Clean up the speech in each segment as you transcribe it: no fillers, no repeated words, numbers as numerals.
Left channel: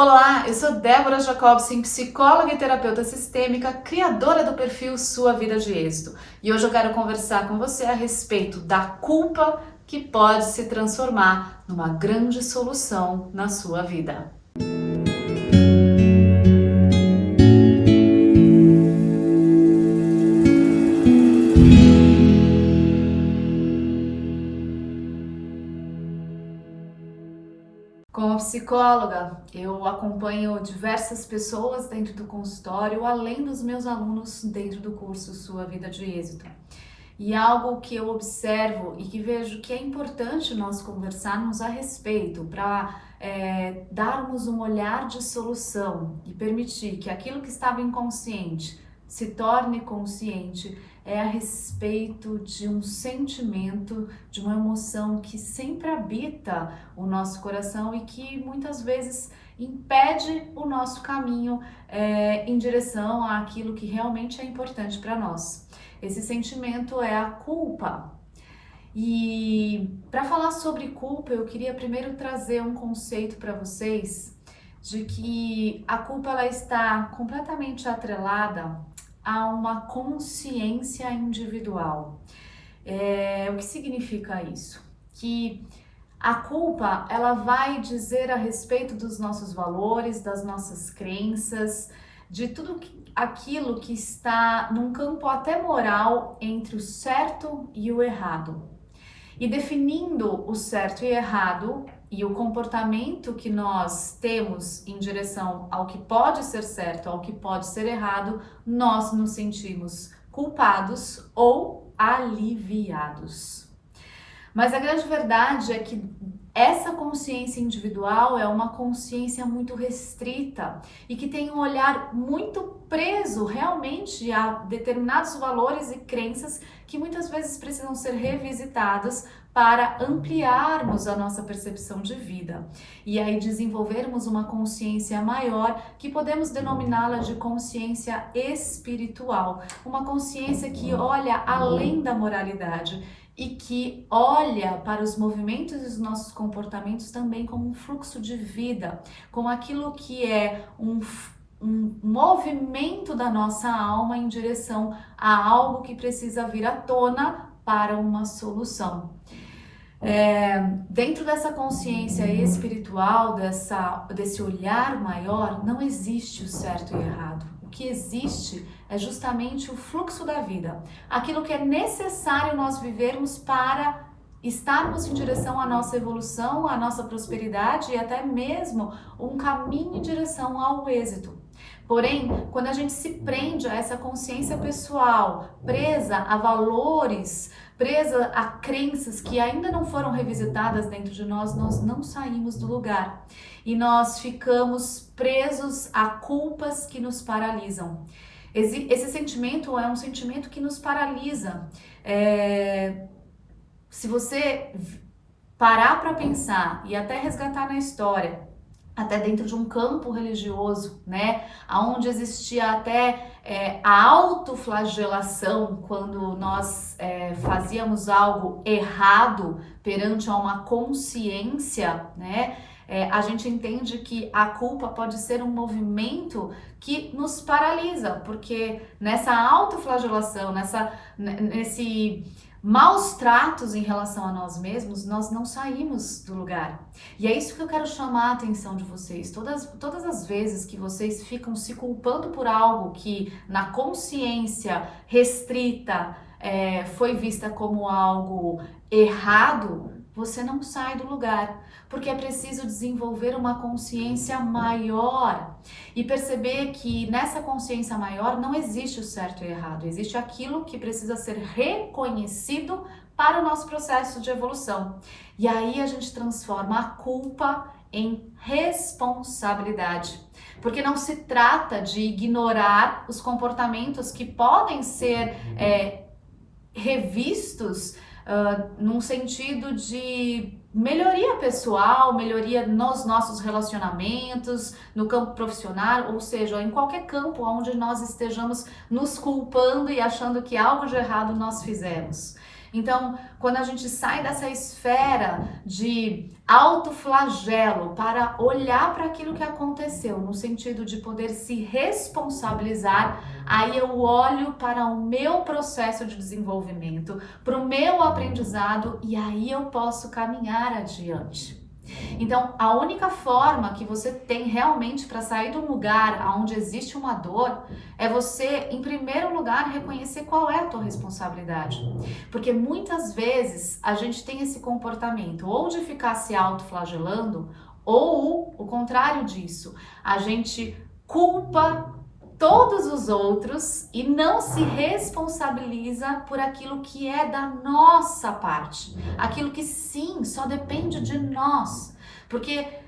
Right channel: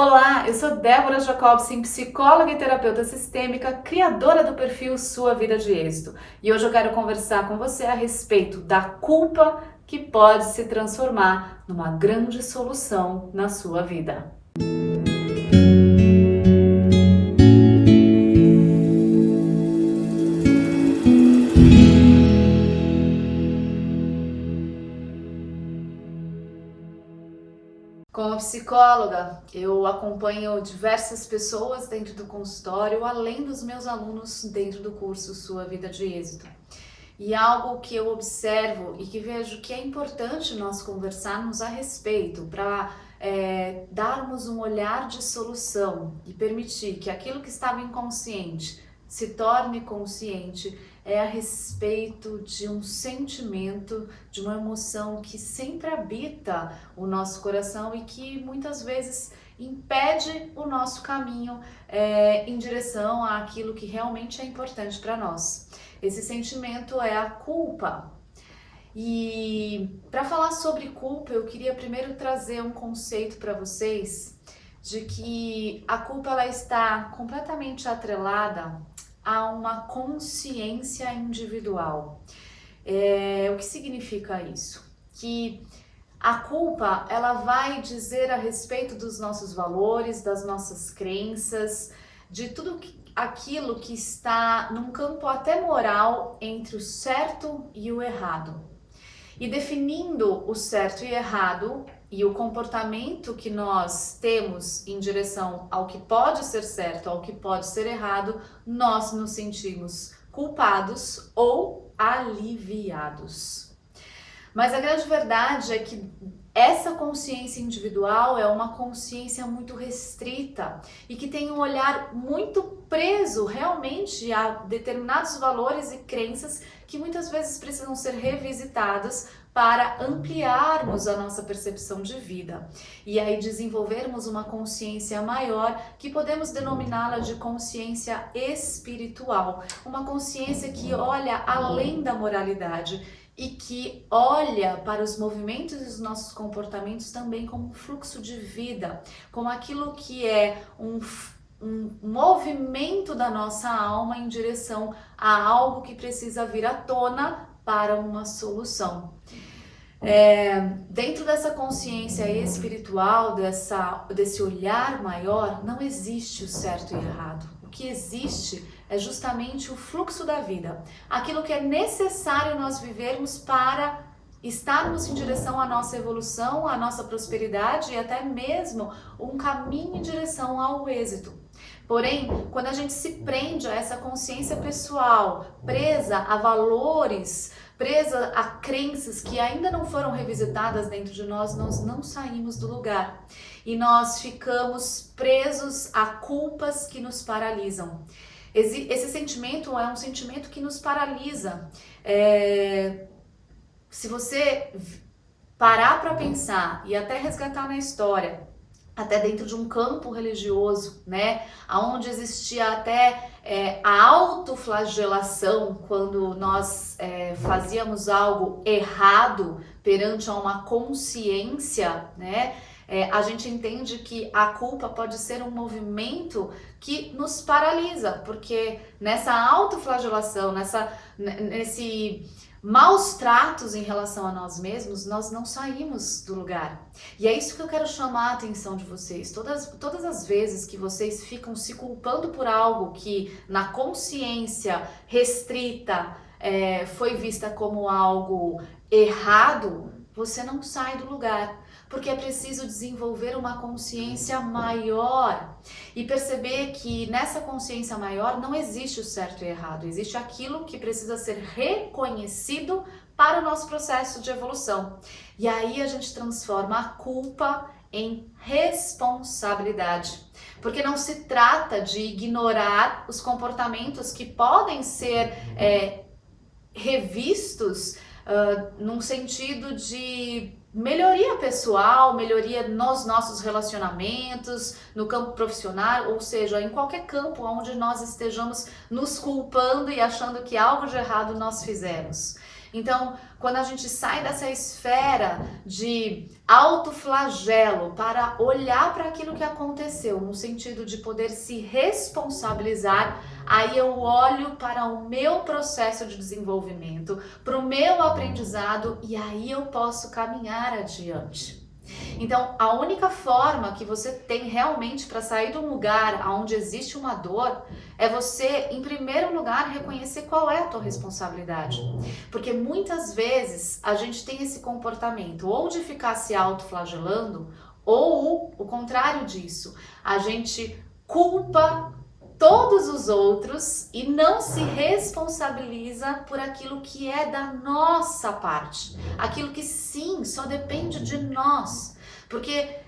Olá, eu sou Débora Jacobsen, psicóloga e terapeuta sistêmica, criadora do perfil Sua Vida de Êxito. E hoje eu quero conversar com você a respeito da culpa que pode se transformar numa grande solução na sua vida. Como psicóloga, eu acompanho diversas pessoas dentro do consultório, além dos meus alunos dentro do curso Sua Vida de Êxito. E algo que eu observo e que vejo que é importante nós conversarmos a respeito para darmos um olhar de solução e permitir que aquilo que estava inconsciente se torne consciente é a respeito de um sentimento, de uma emoção que sempre habita o nosso coração e que muitas vezes impede o nosso caminho em direção àquilo que realmente é importante para nós. Esse sentimento é a culpa. E para falar sobre culpa, eu queria primeiro trazer um conceito para vocês de que a culpa ela está completamente atrelada a uma consciência individual. O que significa isso? Que a culpa ela vai dizer a respeito dos nossos valores, das nossas crenças, de tudo aquilo que está num campo até moral entre o certo e o errado. E definindo o certo e errado e o comportamento que nós temos em direção ao que pode ser certo, ao que pode ser errado, nós nos sentimos culpados ou aliviados. Mas a grande verdade é que essa consciência individual é uma consciência muito restrita e que tem um olhar muito preso realmente a determinados valores e crenças que muitas vezes precisam ser revisitados para ampliarmos a nossa percepção de vida e aí desenvolvermos uma consciência maior que podemos denominá-la de consciência espiritual, uma consciência que olha além da moralidade e que olha para os movimentos e os nossos comportamentos também como um fluxo de vida, como aquilo que é um movimento da nossa alma em direção a algo que precisa vir à tona para uma solução. Dentro dessa consciência espiritual, desse olhar maior, não existe o certo e errado. O que existe é justamente o fluxo da vida, aquilo que é necessário nós vivermos para estarmos em direção à nossa evolução, à nossa prosperidade e até mesmo um caminho em direção ao êxito. Porém, quando a gente se prende a essa consciência pessoal, presa a valores, presa a crenças que ainda não foram revisitadas dentro de nós não saímos do lugar e nós ficamos presos a culpas que nos paralisam. Esse sentimento é um sentimento que nos paralisa. Se você parar para pensar e até resgatar na história, até dentro de um campo religioso, né, onde existia até a autoflagelação quando nós fazíamos algo errado perante a uma consciência, né, a gente entende que a culpa pode ser um movimento que nos paralisa, porque nessa autoflagelação, nesse maus tratos em relação a nós mesmos, nós não saímos do lugar. E é isso que eu quero chamar a atenção de vocês. Todas as vezes que vocês ficam se culpando por algo que na consciência restrita foi vista como algo errado, você não sai do lugar, porque é preciso desenvolver uma consciência maior e perceber que nessa consciência maior não existe o certo e errado, existe aquilo que precisa ser reconhecido para o nosso processo de evolução. E aí a gente transforma a culpa em responsabilidade, porque não se trata de ignorar os comportamentos que podem ser revistos num sentido de melhoria pessoal, melhoria nos nossos relacionamentos, no campo profissional, ou seja, em qualquer campo onde nós estejamos nos culpando e achando que algo de errado nós fizemos. Então, quando a gente sai dessa esfera de autoflagelo para olhar para aquilo que aconteceu, no sentido de poder se responsabilizar, aí eu olho para o meu processo de desenvolvimento, para o meu aprendizado e aí eu posso caminhar adiante. Então, a única forma que você tem realmente para sair de um lugar onde existe uma dor é você, em primeiro lugar, reconhecer qual é a tua responsabilidade. Porque muitas vezes a gente tem esse comportamento ou de ficar se autoflagelando ou o contrário disso. A gente culpa todos os outros e não se responsabiliza por aquilo que é da nossa parte, aquilo que sim, só depende de nós, porque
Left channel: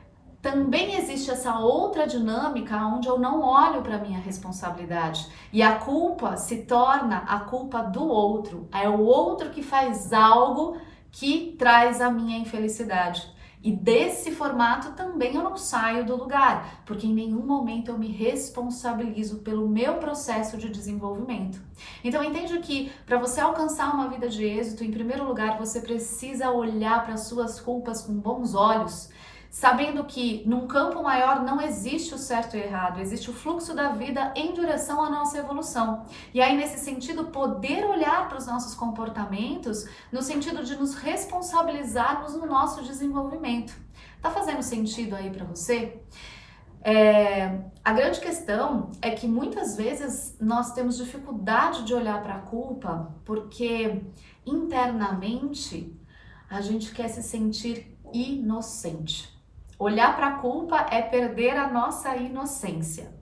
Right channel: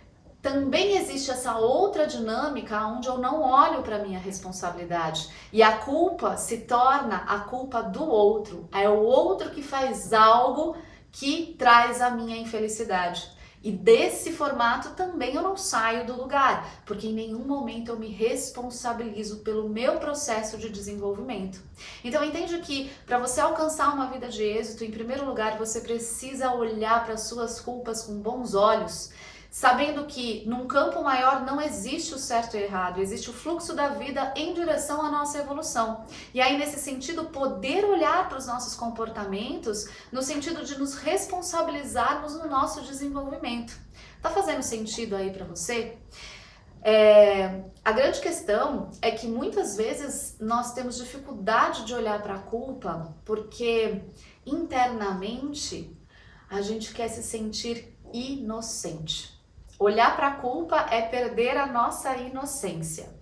também existe essa outra dinâmica onde eu não olho para minha responsabilidade e a culpa se torna a culpa do outro, é o outro que faz algo que traz a minha infelicidade. E desse formato também eu não saio do lugar, porque em nenhum momento eu me responsabilizo pelo meu processo de desenvolvimento. Então entende que para você alcançar uma vida de êxito, em primeiro lugar você precisa olhar para suas culpas com bons olhos, sabendo que num campo maior não existe o certo e o errado, existe o fluxo da vida em direção à nossa evolução. E aí, nesse sentido, poder olhar para os nossos comportamentos no sentido de nos responsabilizarmos no nosso desenvolvimento. Tá fazendo sentido aí para você? A grande questão é que muitas vezes nós temos dificuldade de olhar para a culpa porque internamente a gente quer se sentir inocente. Olhar para a culpa é perder a nossa inocência.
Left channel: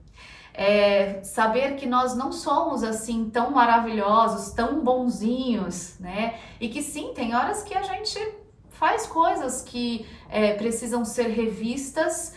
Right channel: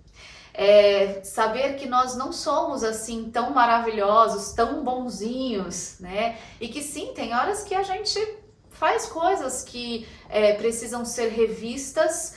Saber que nós não somos assim tão maravilhosos, tão bonzinhos, né? E que sim, tem horas que a gente faz coisas que precisam ser revistas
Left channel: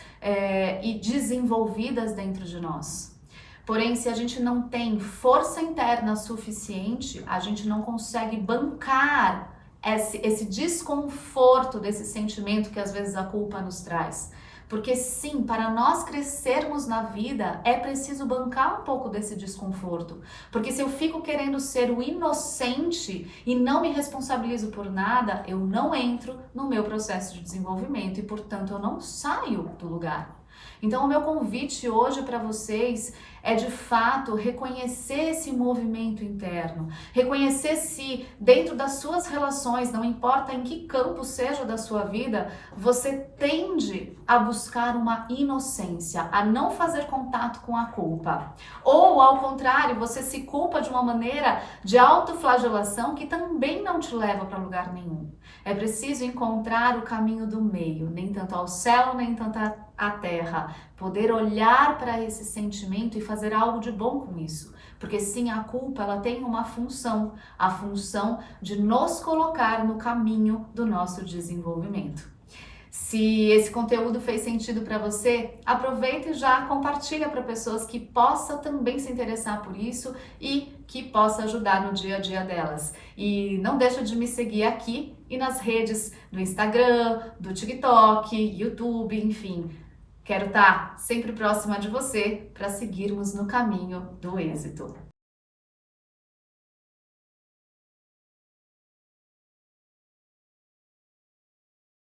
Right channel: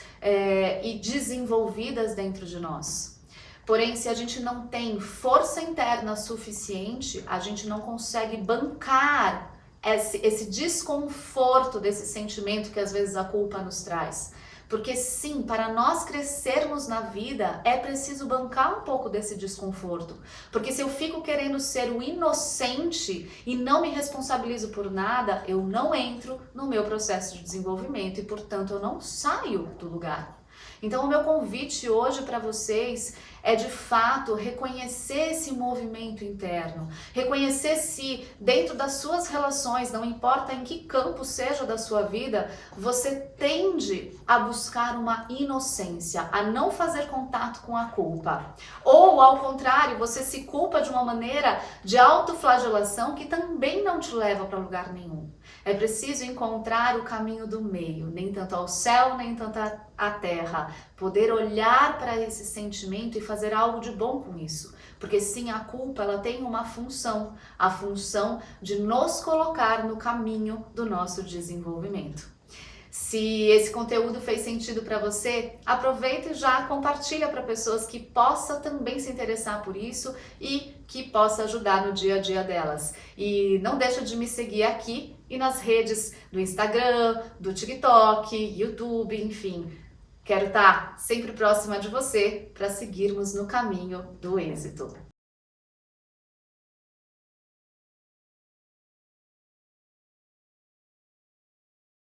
e desenvolvidas dentro de nós. Porém, se a gente não tem força interna suficiente, a gente não consegue bancar esse desconforto desse sentimento que às vezes a culpa nos traz. Porque sim, para nós crescermos na vida é preciso bancar um pouco desse desconforto. Porque se eu fico querendo ser o inocente e não me responsabilizo por nada, eu não entro no meu processo de desenvolvimento e, portanto, eu não saio do lugar. Então, o meu convite hoje para vocês é de fato reconhecer esse movimento interno, reconhecer se dentro das suas relações, não importa em que campo seja da sua vida, você tende a buscar uma inocência, a não fazer contato com a culpa. Ou ao contrário, você se culpa de uma maneira de autoflagelação que também não te leva para lugar nenhum. É preciso encontrar o caminho do meio, nem tanto ao céu, nem tanto à terra. Poder olhar para esse sentimento e fazer algo de bom com isso. Porque sim, a culpa ela tem uma função, a função de nos colocar no caminho do nosso desenvolvimento. Se esse conteúdo fez sentido para você, aproveita e já compartilha para pessoas que possam também se interessar por isso e que possa ajudar no dia a dia delas. E não deixa de me seguir aqui e nas redes do Instagram, do TikTok, YouTube, enfim. Quero estar sempre próxima de você para seguirmos no caminho do êxito.